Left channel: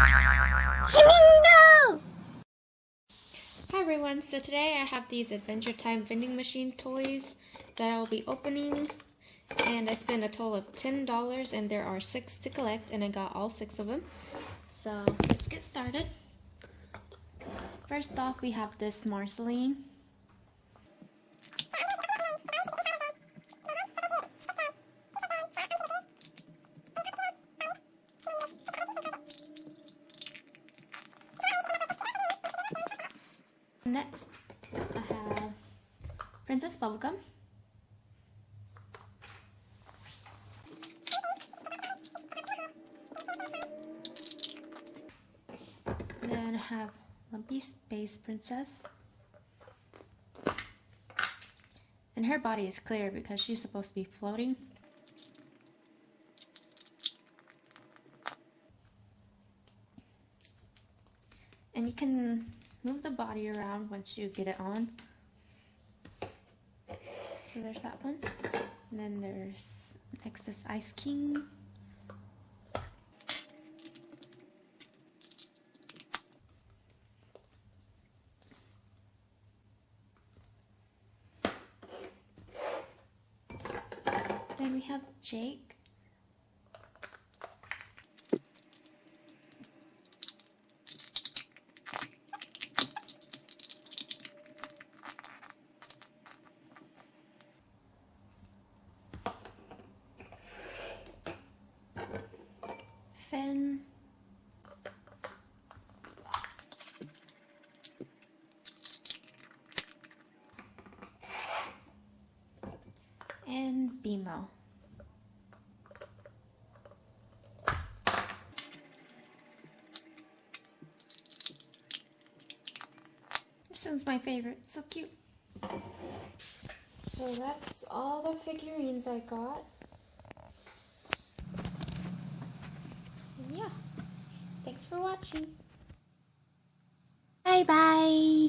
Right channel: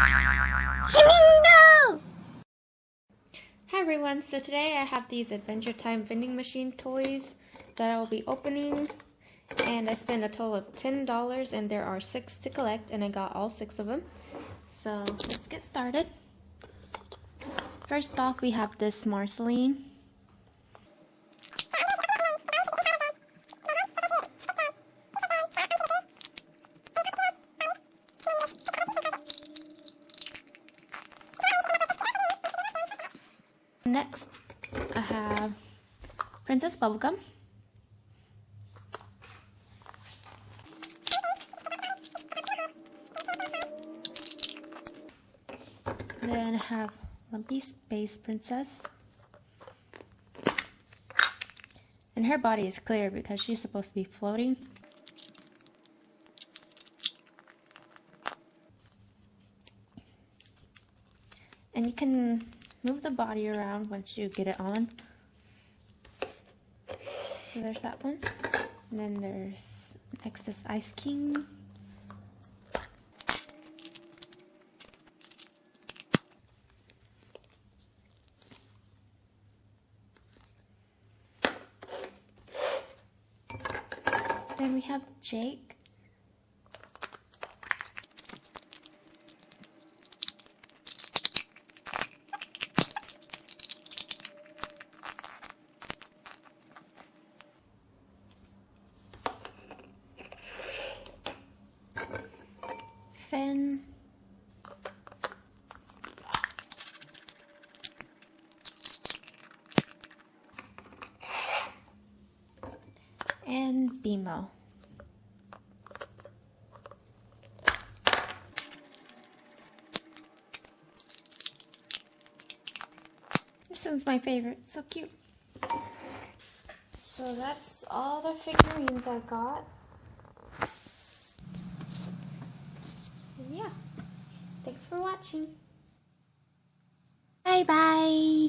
Hi everyone, so today I have these Adventure Time vending machine toys that I will be opening, and I spent a total of $10 and there are 6 to collect and I got all 6 of them. So let's get started. First off, we have this Marceline. Next, I have Princess Bubblegum. Then I have Lumpy Space Princess. And her body is clear because she's supposed to be floating. And you can move the body around once you get it on. So there's that one. And then there's next is Ice King. Then we have Jake. Finn. And BMO. This one's my favorite, so cute. So that's all the figurines I got. And yeah, thanks for watching. Bye bye.